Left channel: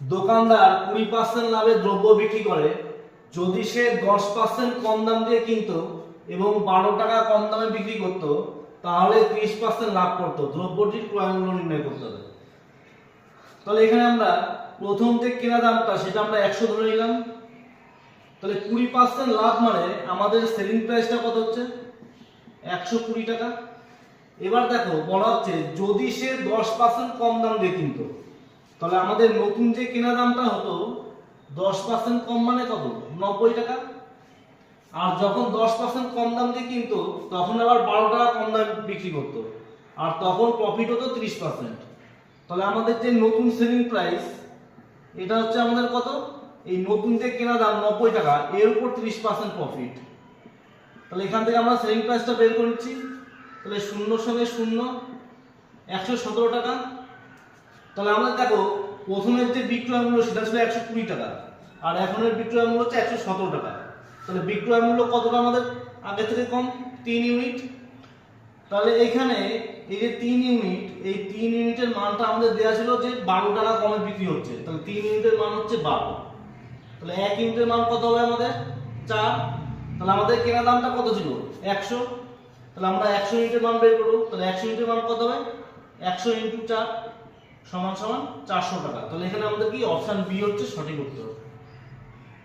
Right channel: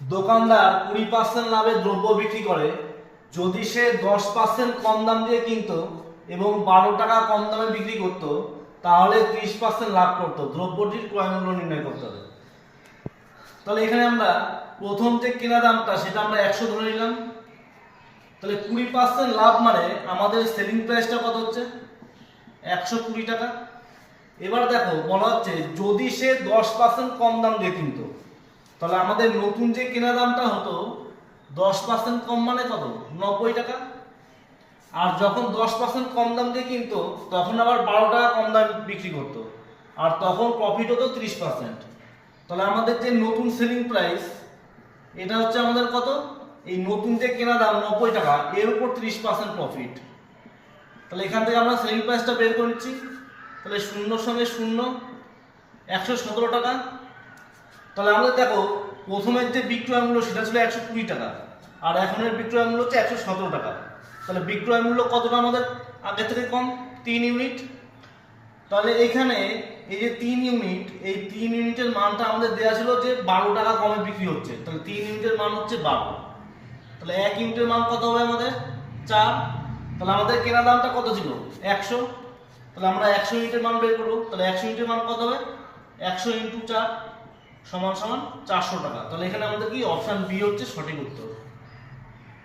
দোকানদার 20% লাভে দ্রব্য বিক্রি করে যদি সে 10% কম দাম দিয়ে কিনতো এবং 12 টাকা কম দামে বিক্রি করত তাহলে 30% লাভ করত। দ্রব্যটির ক্রয় মূল্য নির্ণয় করতে হবে। তাহলে এখানে আমরা প্রথম যে কেনা দামটা সেটা আমরা 100 ধরে নিলাম। তাহলে 20% লাভ মানে আমাদের সেলিং প্রাইসটা কত হচ্ছে 120 টাকা। এবার দেখো বলা হচ্ছে যদি সে 10% কম দাম দিয়ে কিনতো তাহলে আমাদের নতুন যে কেনা দামটা হতো 10% কম মানে কত 90 টাকা। আর যখন 10% কম দাম দিয়ে কিনতো তখন আবার 12 টাকা কম দাম বিক্রি করতো আর তখন প্রফিট হতো 30%। তাহলে আমাদের যে নতুন সেলিং প্রাইস এটা হচ্ছে আমাদের কত, এই নতুন যে কেনা দাম 90 টাকা এর উপর 30% প্রফিট। তাহলে এখান থেকে আমরা সেলিং প্রাইসটা বের করে নিচ্ছি। তাহলে শূন্যর সঙ্গে শূন্য 117 টাকা। তাহলে আমরা দেখো প্রথমের যে বিক্রয় মূল্য সেটা ছিল 120 টাকা আর এখনের বিক্রয় মূল্য হচ্ছে 117 টাকা। তাহলে বিক্রয় মূল্য কতটা আমাদের আগে থেকে কম 3 ইউনিট। তাহলে এখানে এই যে 3 ইউনিট, এই 3 ইউনিটের মানটা আমাদের দেওয়া ছিল যে 12 টাকা কমে বিক্রি হচ্ছে। তাহলে 3 ইউনিটের মান হচ্ছে 12। তাহলে 1 ইউনিটের মান কত হবে আমাদের 4। তাহলে আমাদের কেনা দামটা কত ছিল 100। তাহলে আমরা 100 ইউনিটের মান বের করব। তাহলে 100 ইউনিটের মান কত হবে 100 × 4 = 400 টাকা। তাহলে এখানে আমাদের কি অপশন বি হচ্ছে সঠিক উত্তর।